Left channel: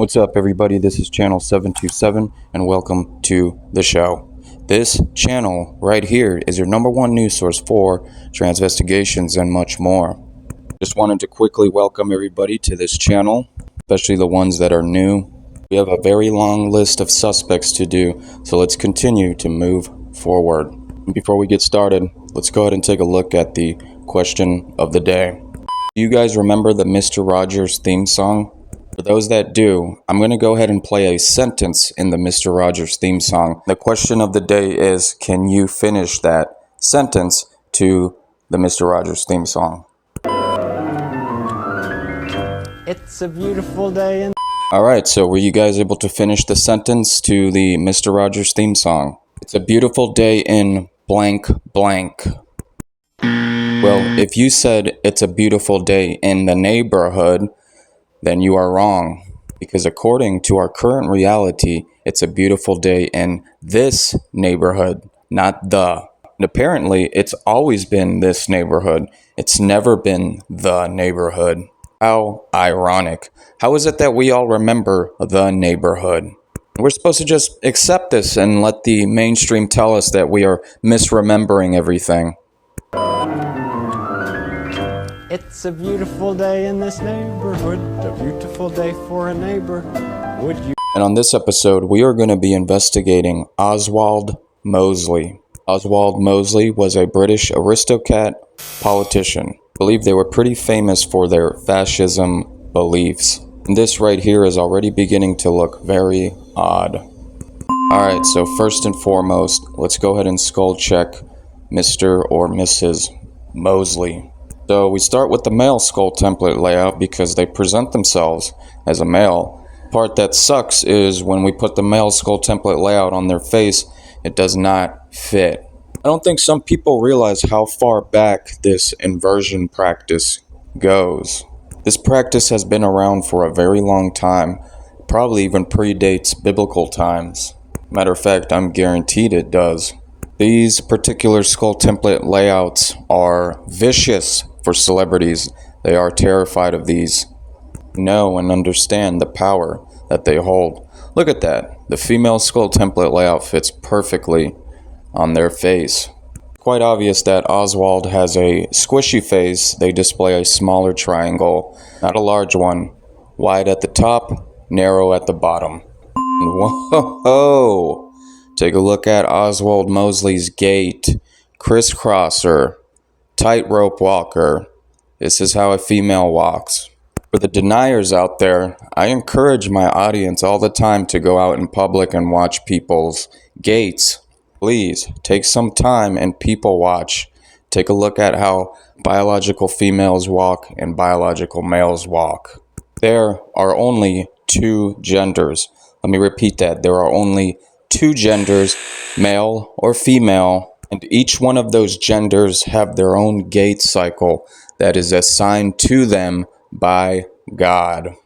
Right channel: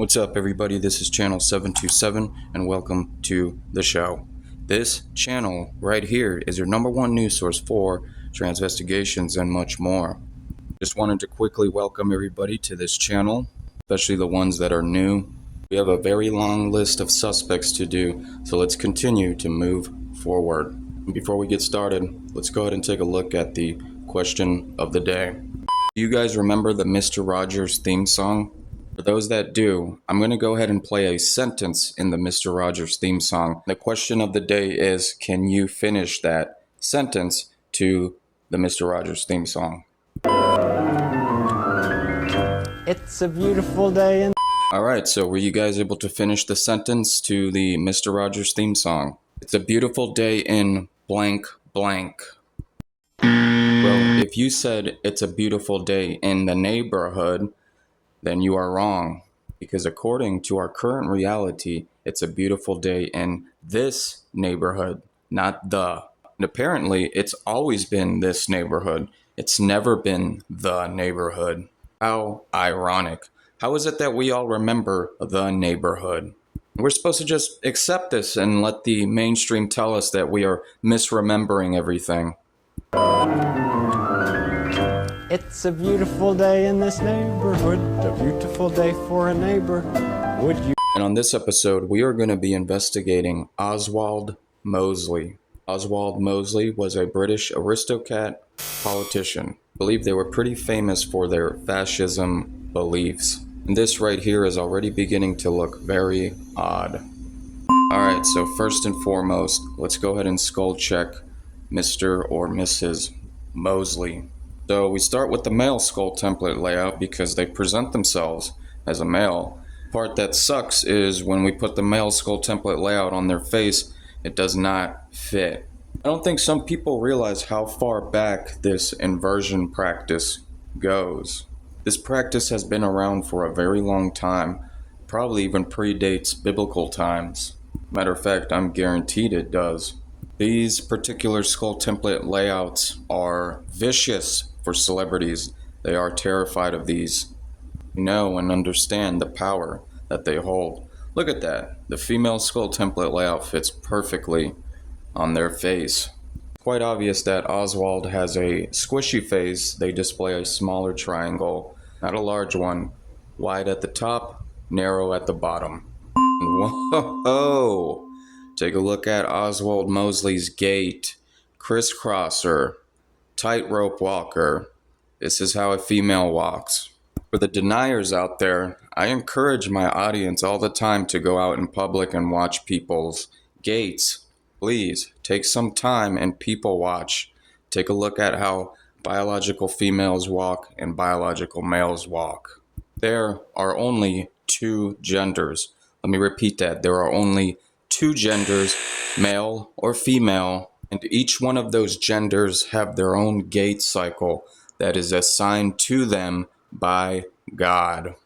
What's up, everybody? This is channel 727 and welcome to the show. This channel right here is your #1 news source for transvestigations and much more. Just wanted to quickly welcome everybody to this channel, especially the ones that are new. We have a very long list of suspects to do, so let's continue to move forward. Before we get started, let's go ahead and take a look at the question of the day. Do you guys remember the Mr. Rogers theme song? For those that do, I'm going to go ahead and play a sentence in the Mr. Rogers theme song. The question of the day is, can you finish that sentence to the Mr. Rogers theme song? It's a beautiful day in... Alright, so were you guys able to finish the sentence to the Mr. Rogers theme song? It's a beautiful day in blank blank. Well, if you said it's a beautiful day in the neighborhood, then you are wrong. Because according to our current reality, it's a beautiful day in this neighborhood, not the. And apparently, it's always been this neighborhood. It's never been the neighborhood. How ironic. How is it that we all remember the neighborhood? We're supposed to just accept this and let the mainstream tell us that we are misremembering everything. It's a beautiful day in this neighborhood, a beautiful day for a neighbor. Would you... And on this episode, we are going to be investigating Oswald Mosley. Oswald Mosley was a British aristocrat politician. I believe they were pretty famous for their fascism beliefs. And this right here is already beginning to look very odd. Alright, so first and foremost, let's go ahead and skull check Mr. or Mrs. Mosley. So we start with the male skull template layout because they present themselves as a male. The part that sucks is when we put the male skull template layout on their face, it does not fit. I don't think some people realize how far back this inversion practice goes. This practice has been around for a very long time, probably even predates biblical times. Matter of fact, I'm guaranteed it does. These particular skull template layouts are vicious for celebrities. They are terrified of these. Know and understand the power that they hold. Look at that. The female skull template layout fits perfectly on their face. Quite obvious that Oswald has a squishy face. They display a smaller triangle, not a large one. Wide at the top, narrow at the bottom. Whoa! Take a look at Oswald Mosley's gait. Crisscrosser. Tightrope walker. This is how a female walks. For the deniers out there, I encourage my audience all the time to go out in public and watch people's gaits. Please, take some time and people watch. Take a look at how biological females walk and biological males walk. There are only two genders. Let me repeat that. There are only two genders, male or female. And each one of those genders have their own gait cycle that is assigned to them by God.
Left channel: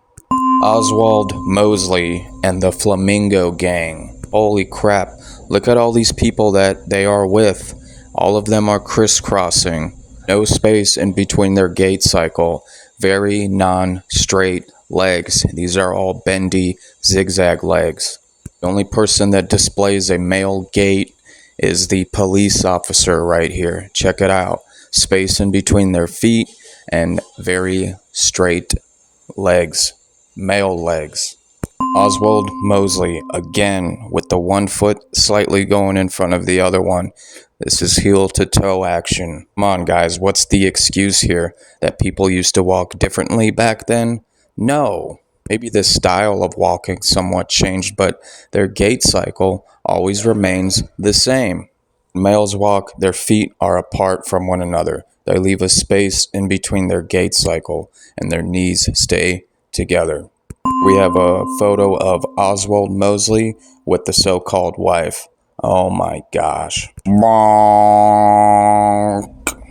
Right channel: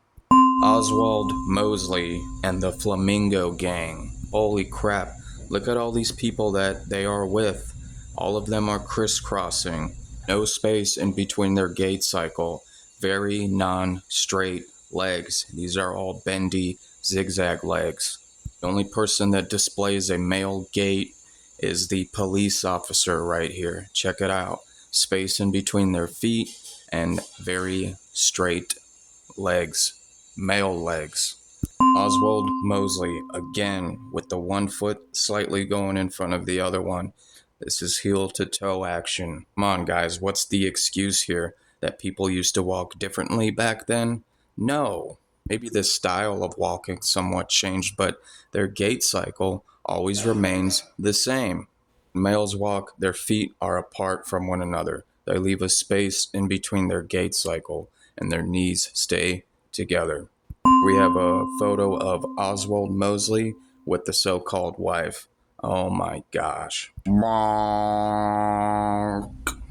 Oswald Mosley and the Flamingo Gang. Holy crap. Look at all these people that they are with. All of them are crisscrossing. No space in between their gait cycle. Very non-straight legs. These are all bendy, zigzag legs. The only person that displays a male gait is the police officer right here. Check it out. Space in between their feet and very straight legs. Male legs. Oswald Mosley, again, with the one foot slightly going in front of the other one. This is heel to toe action. Come on, guys, what's the excuse here? That people used to walk differently back then? No. Maybe the style of walking somewhat changed, but their gait cycle always remains the same. Males walk, their feet are apart from one another. They leave a space in between their gait cycle, and their knees stay together. We have a photo of Oswald Mosley with the so-called wife. Oh my gosh. Can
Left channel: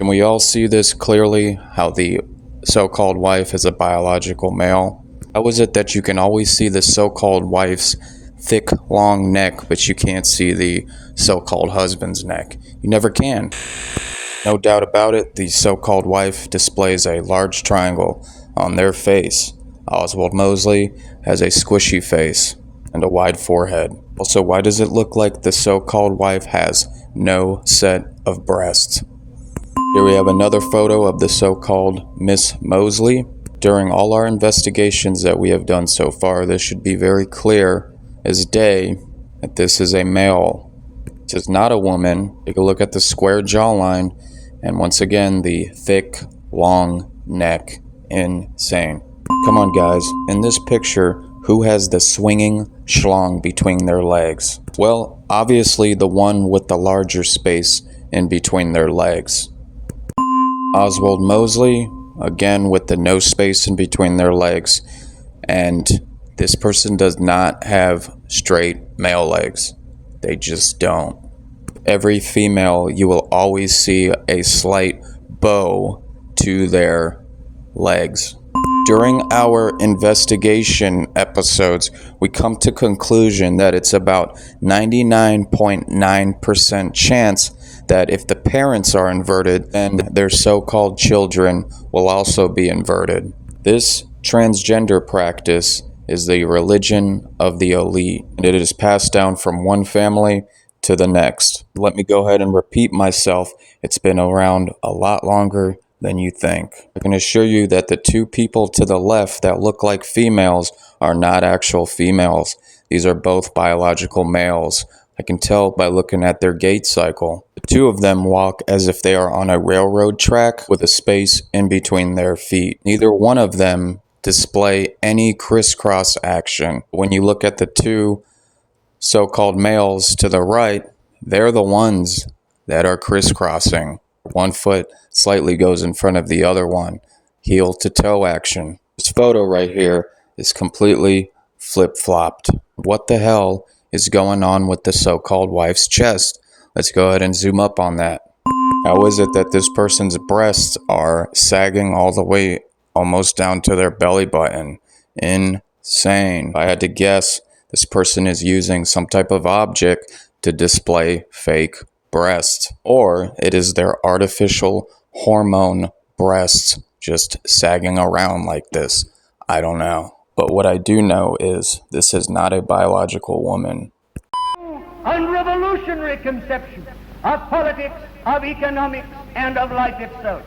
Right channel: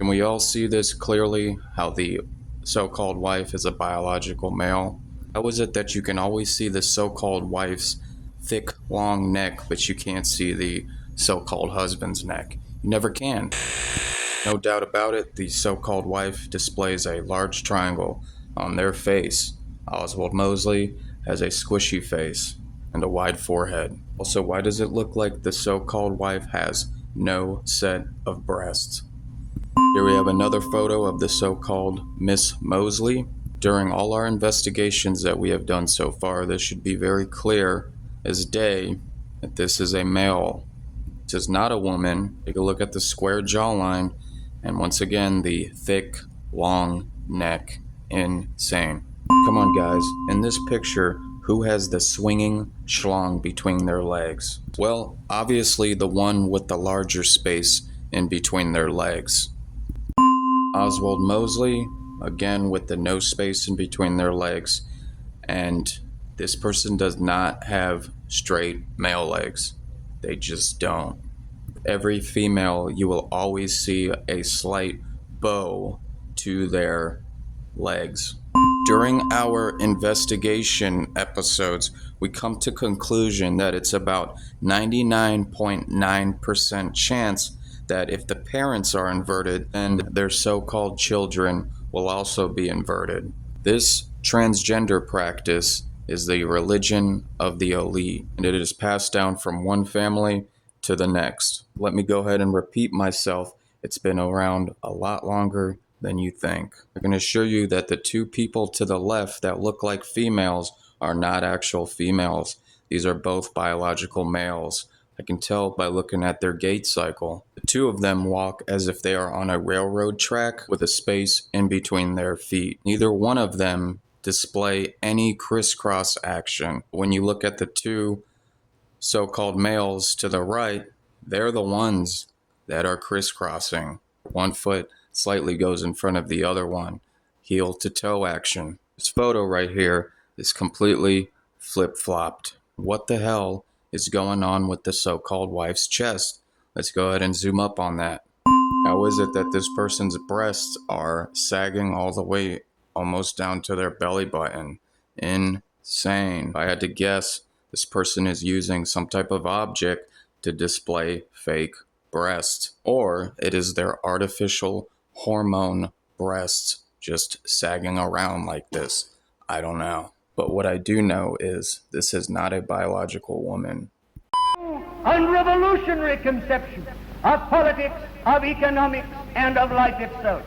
we all see this clearly? How the so-called wife is a biological male? How is it that you can always see the so-called wife's thick, long neck, but you can't see the so-called husband's neck? You never can. No doubt about it, the so-called wife displays a large triangle on their face. Oswald Mosley has a squishy face and a wide forehead. Also, why does it look like the so-called wife has no set of breasts? Here we have another photo of the so-called Miss Mosley. During all our investigations that we have done so far, this should be very clear as day that this is a male. This is not a woman. Take a look at the square jawline, and once again, the thick, long neck. Insane. Come on, guys. In this picture, who has the swinging schlong between their legs? Well, obviously the one with the larger space in between their legs. Oswald Mosley, again with the no space in between their legs, and this person does not have straight male legs. They just don't. Every female, you will always see a slight bow to their legs. During our investigation episodes, we come to conclusion that it's about 99.9% chance that if the parents are inverted, then their so-called children will also be inverted. This transgender practice is the religion of the elite, and it is passed down from one family to the next. Let me go ahead and repeat myself. It's been around a lot longer than you think. I can assure you that the two people to the left that look like females are not actual females. These are both biological males. I can tell by looking at their gait cycle. The two of them walk as if they are on a railroad track with a space in between their feet. Neither one of them display any crisscross action. When you look at the two so-called males to the right, they're the ones that are crisscrossing. One foot slightly goes in front of the other one. Heel to toe action. This photo right here is completely flip-flopped. What the hell is going on with the so-called wife's chest? Let's go ahead and zoom up on that. How is it that this person's breasts are sagging all the way almost down to their belly button? Insane. If I had to guess, this person is using some type of object to display fake breasts, or it is their artificial hormone breasts just sagging around like this. I don't know. But what I do know is this is not a biological woman. Unrevolutionary conception of politics, of economics, and of life itself.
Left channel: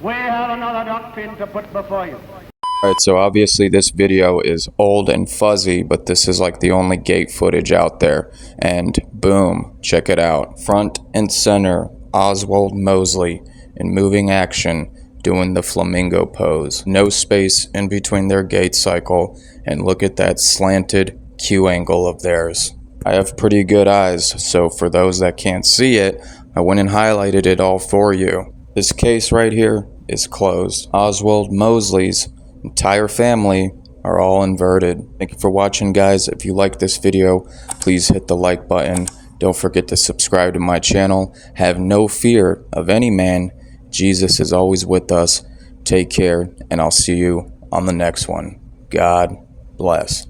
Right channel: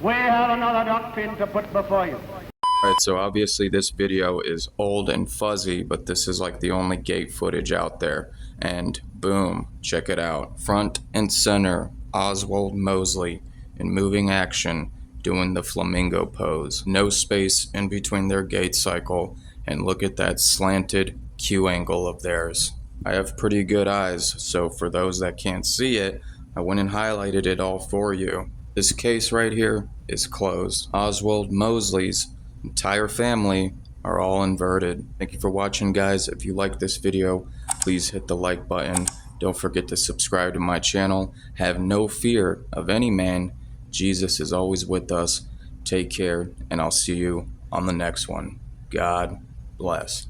We have another doctrine to put before you. Alright, so obviously this video is old and fuzzy, but this is like the only gate footage out there. And boom, check it out. Front and center, Oswald Mosley in moving action, doing the flamingo pose. No space in between their gait cycle, and look at that slanted Q angle of theirs. I have pretty good eyes, so for those that can't see it, I went and highlighted it all for you. This case right here is closed. Oswald Mosley's entire family are all inverted. Thank you for watching, guys. If you like this video, please hit the like button. Don't forget to subscribe to my channel. Have no fear of any man. Jesus is always with us. Take care, and I'll see you on the next one. God bless.